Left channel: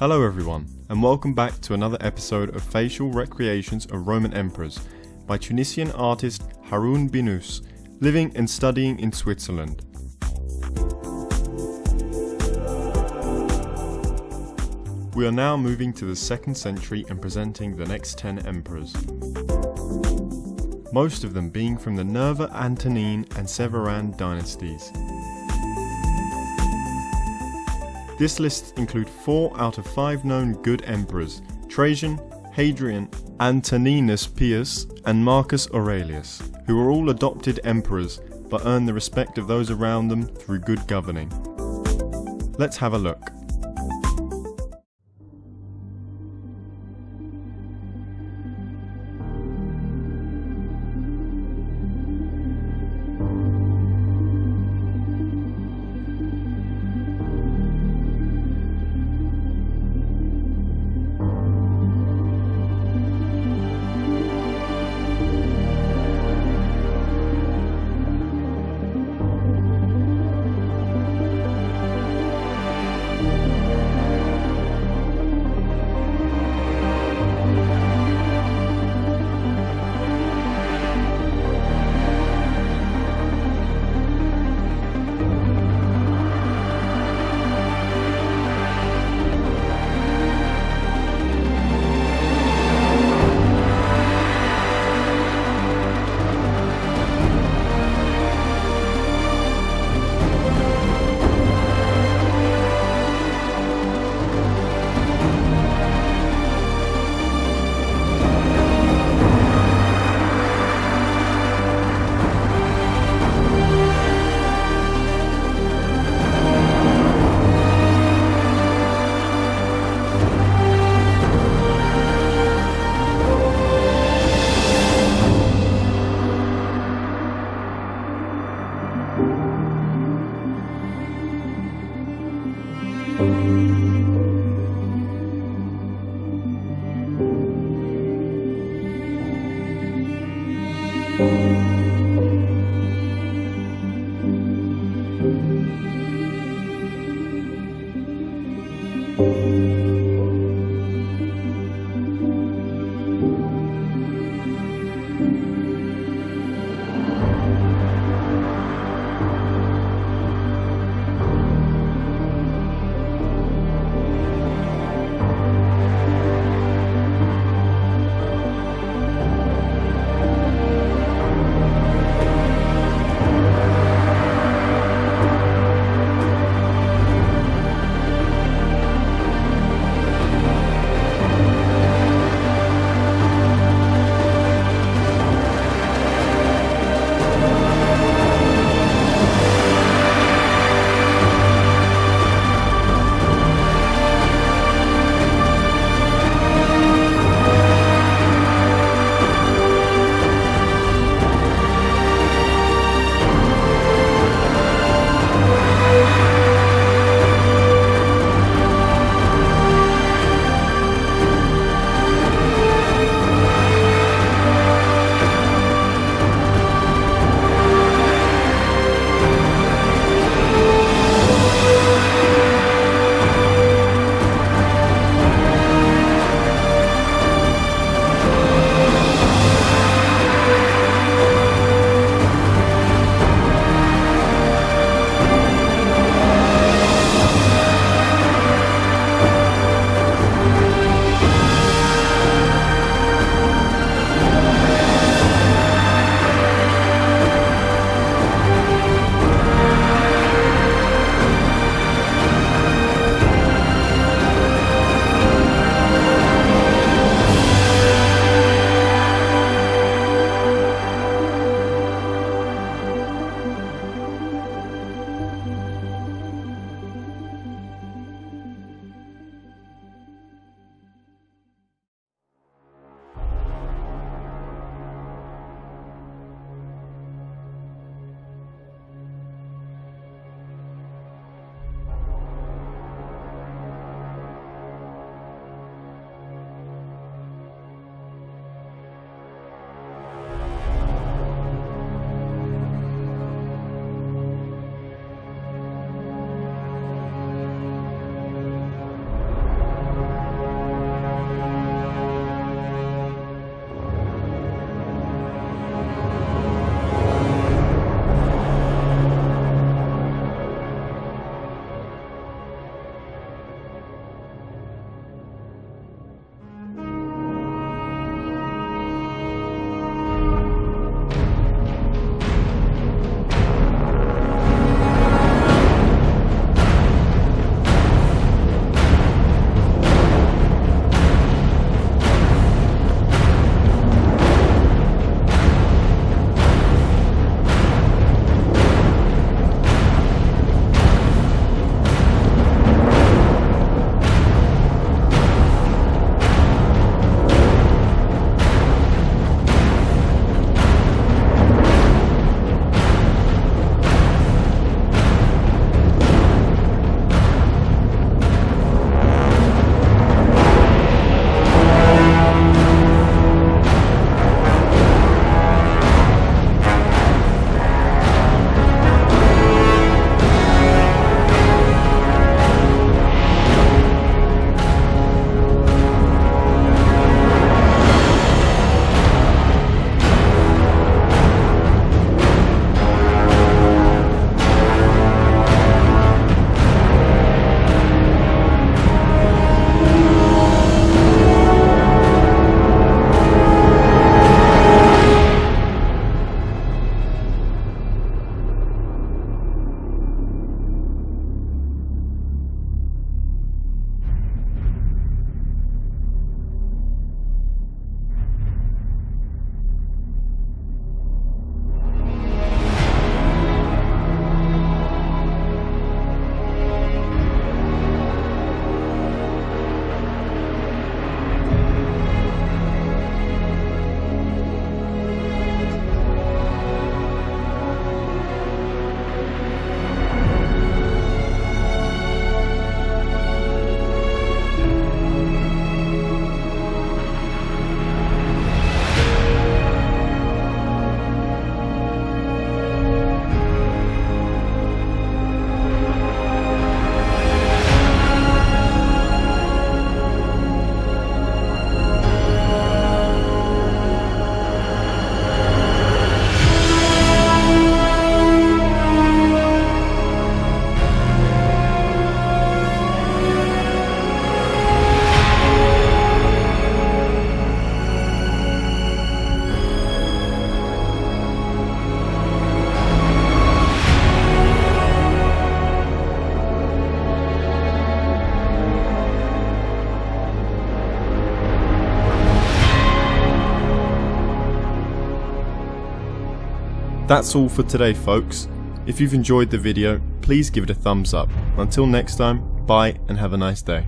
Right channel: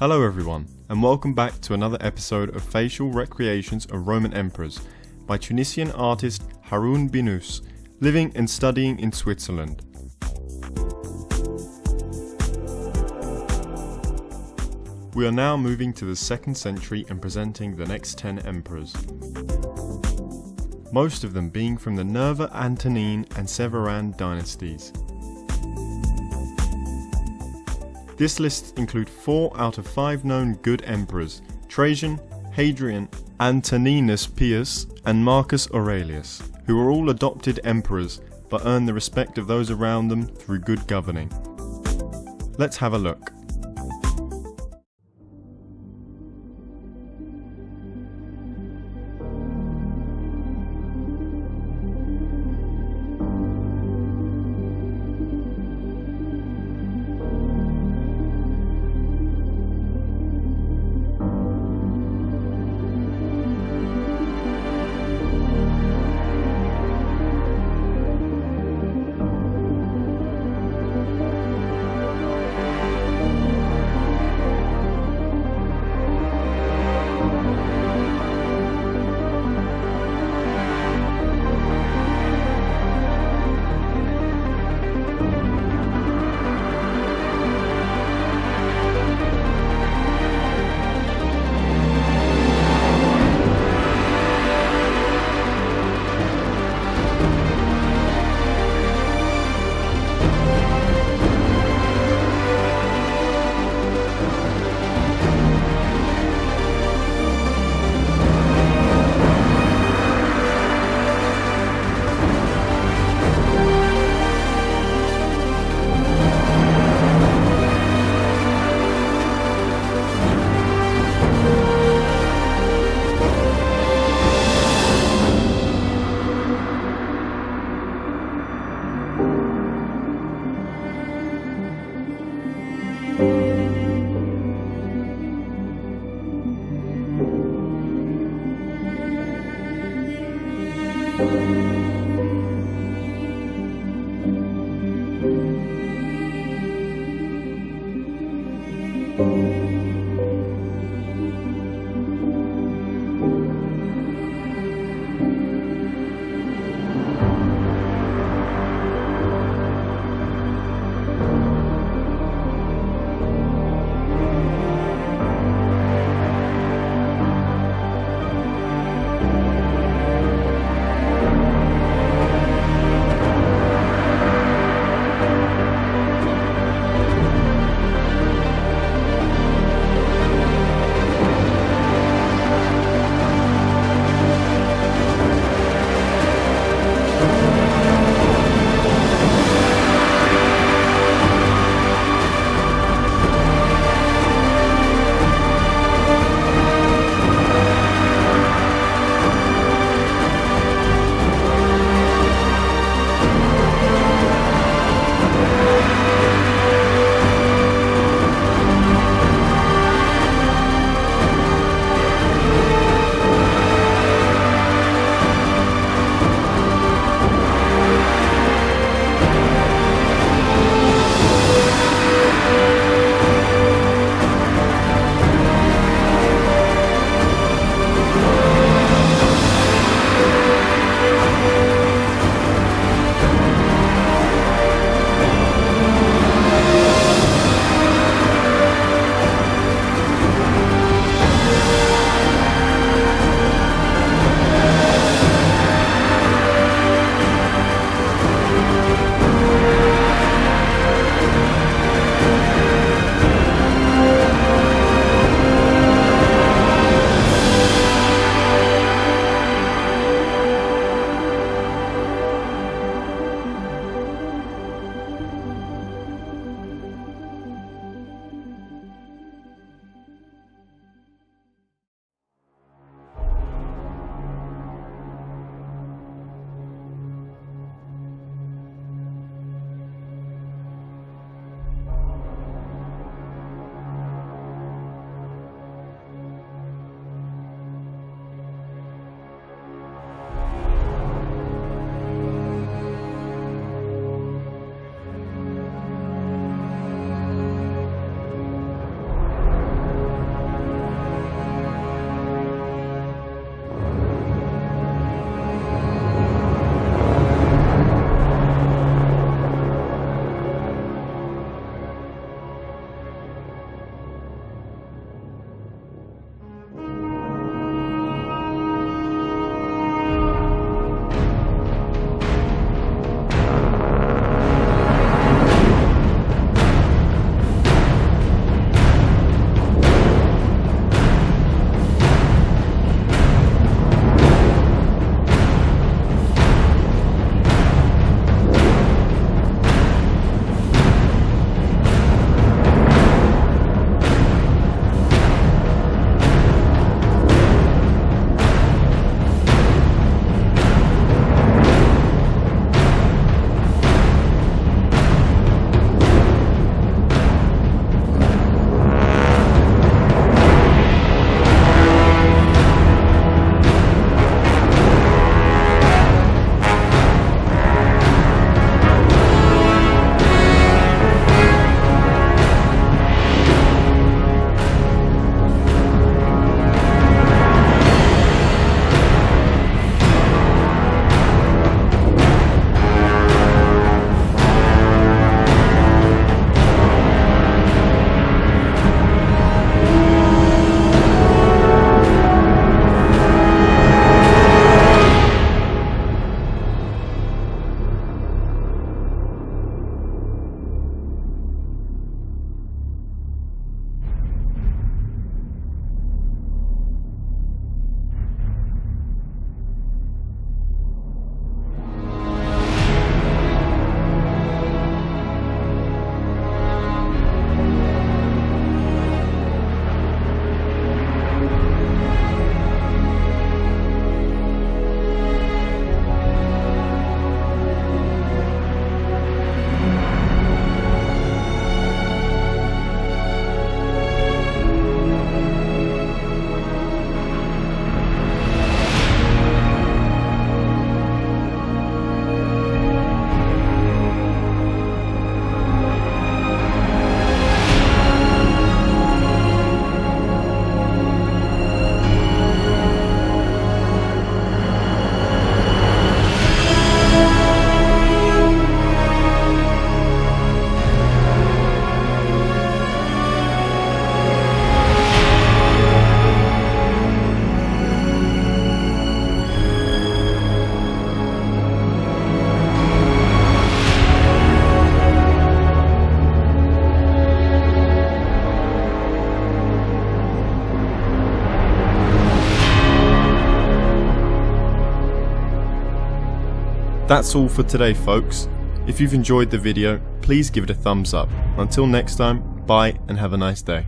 Hello everyone, and welcome back to another episode of Facial Recreations of Roman Emperors by Tunisian artist Haroun Binous, living and studying in Switzerland. We are now moving to the 2nd century and presenting the next 10 emperors. Most of them being from the Nerva Antonine and Severan dynasties. This list includes 4 out of 5 known good emperors: Trajan, Hadrian, Antoninus Pius, and Marcus Aurelius, who were all adopted emperors but earned the respect of those around them through good governing. Let's have a look. That's all for today, folks. If you've enjoyed the video, please give it a thumbs up. Until next time, bye and have a nice day.